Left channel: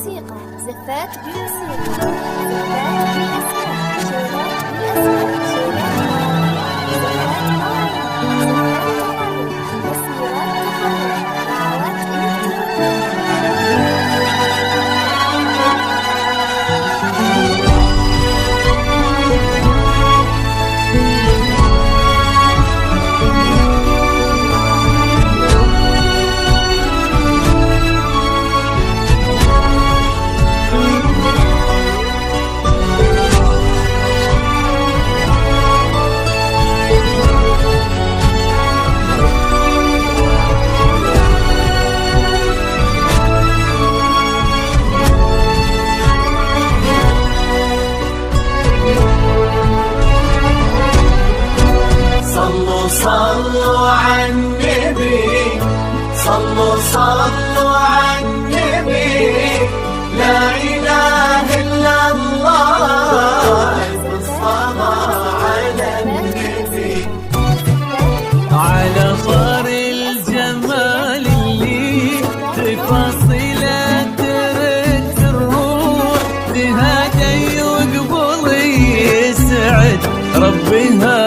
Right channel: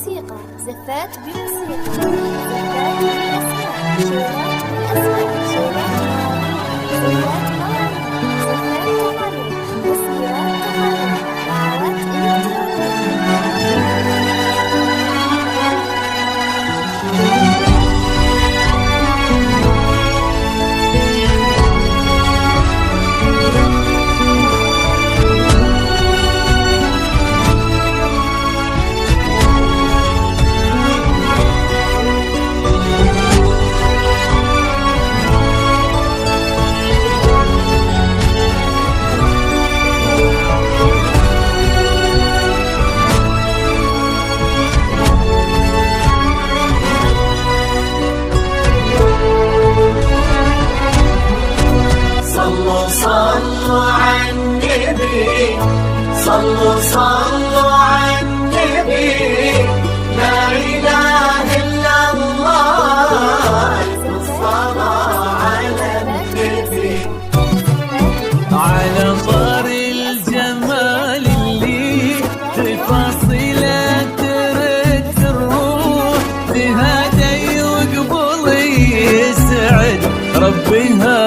بموسيقى، زفات بموسيقى، زفات بالأسماء، شيلات بالأسماء، شيلات مواليد، زفات مواليد، زفات تخرج، مسيرات تخرج، دعوات صلوا على النبي، صلوا على النبي، لا إله إلا الله. على صار الجمال اللي تفاصيله ترد الروح، تهادي وقبل يسعد ربها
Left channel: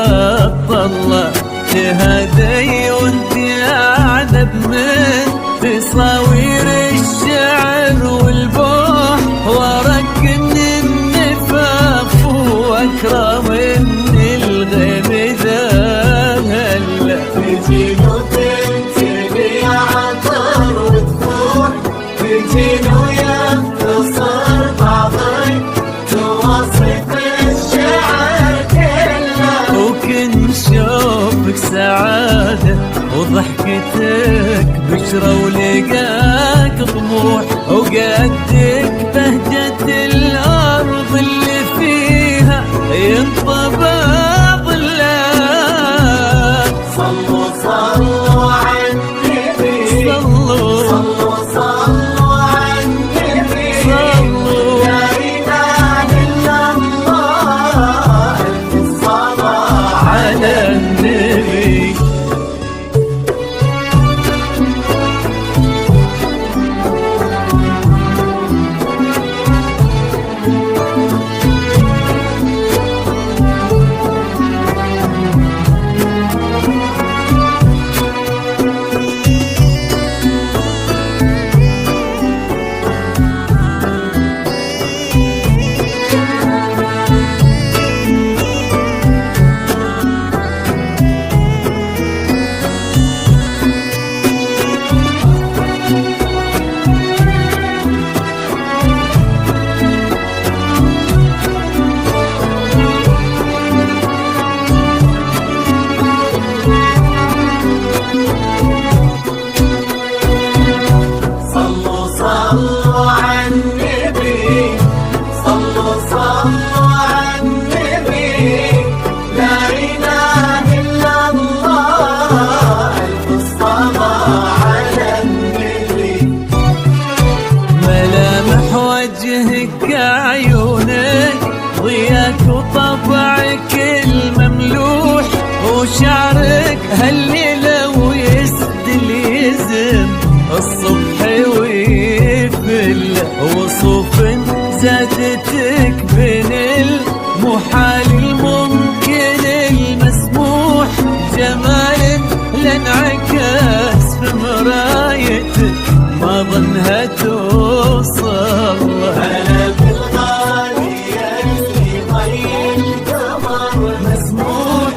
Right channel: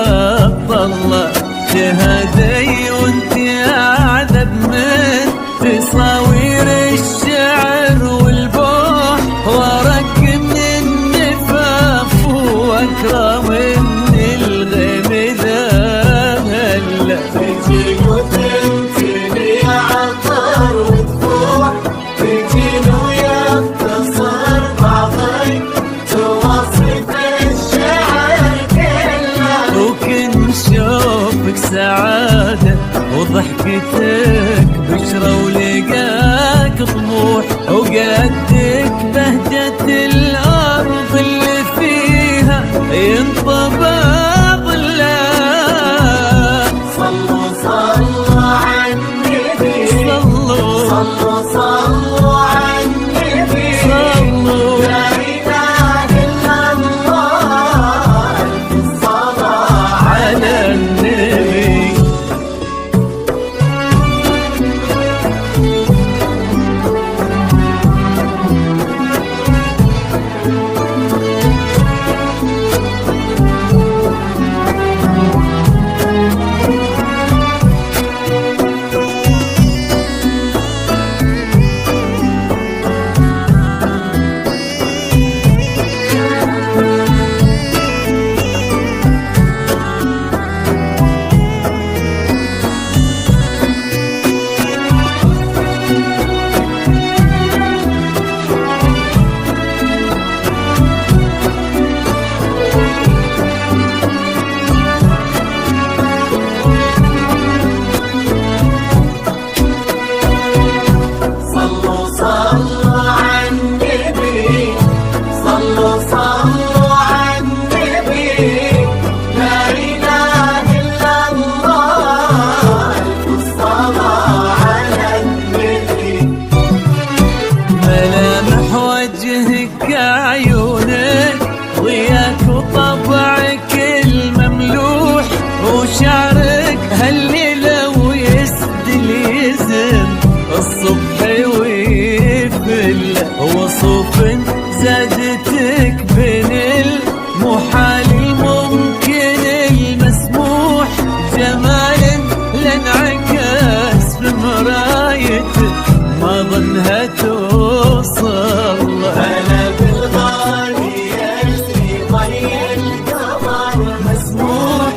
طلع، تهادي وانت اعذب من تصاوير الشعر والبوح، ورق من النفاف واكرم من الغيم ذهل. وكن شوفك سعادة وضحكتك بشرة ولقاك طموح، وقدك بهجة الأرض اللي فيها ينطبع ظلال. صلوا على النبي، صلوا على النبي، صلوا على النبي. ملامح وجهك عيونك ضياك وطبعك المملوح، وشعرك هالليلة ويسدل يزم الصبح ويفل، وصوف زادتك بين المحال الممكن المسموح، جمال لانعكاس في مرايتك ما ظنها توصل. مسموح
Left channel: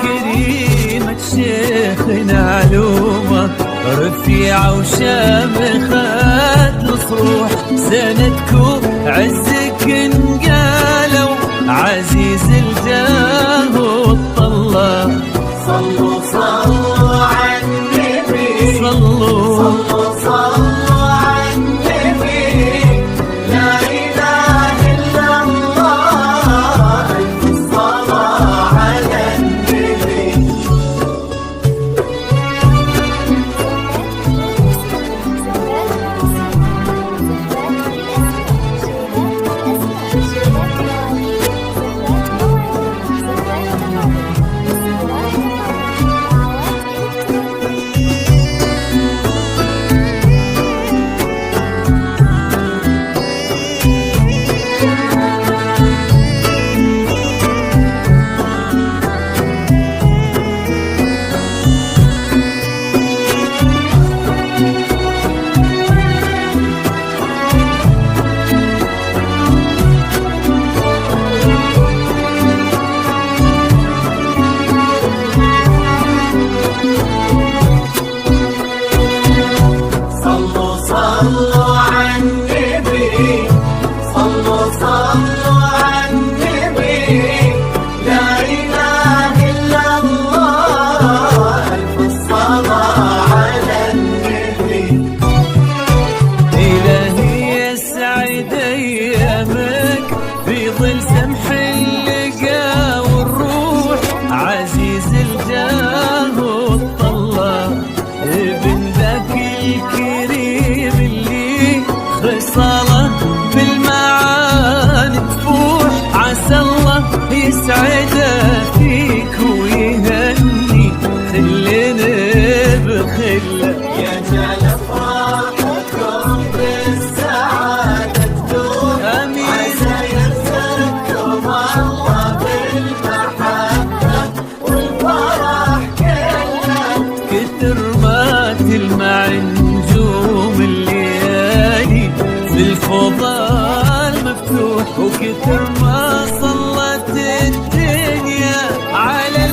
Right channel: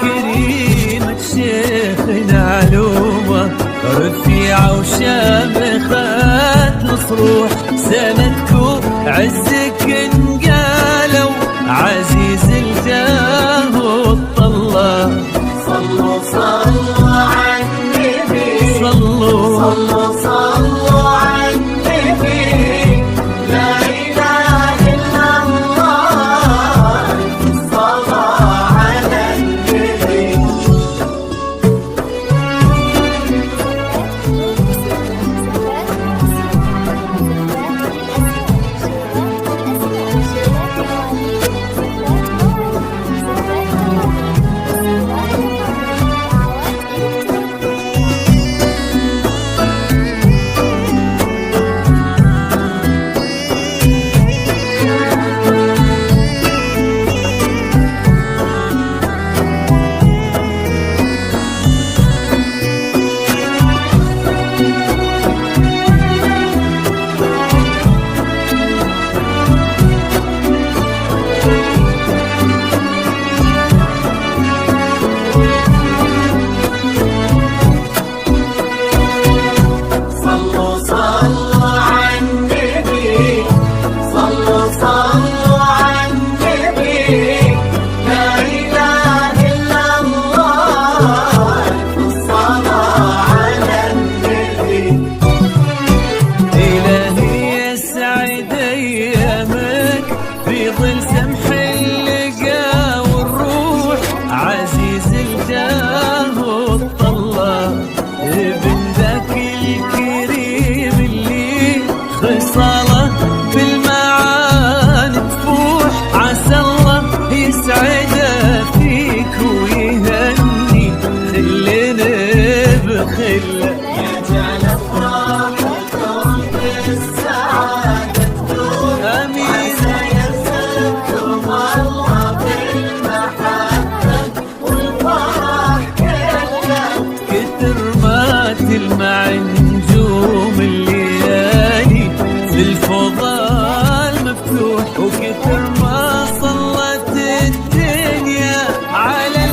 كريمة شيخنا علومة رفيعة وشامخات الصروح، سندكو عزك انقالوا عزيز الجاه والطلة. صلوا على النبي، صلوا على النبي، لا إله إلا الله. الصلاة على النبي. زفات بموسيقى، زفات بالأسماء، شيلات بالأسماء، شيلات مواليد، زفات مواليد، زفات تخرج، مسيرات ينزل جاه وطلع ابن ذاك الكريم اللي خصاله بالمعاني تفوح. عسى الله يسعده فيك ويهني خلنا بخله. آمين. كتر ما تلمع نجوم الليالي في الفضاء المفتوح، وكتر ما صلت الدنيا على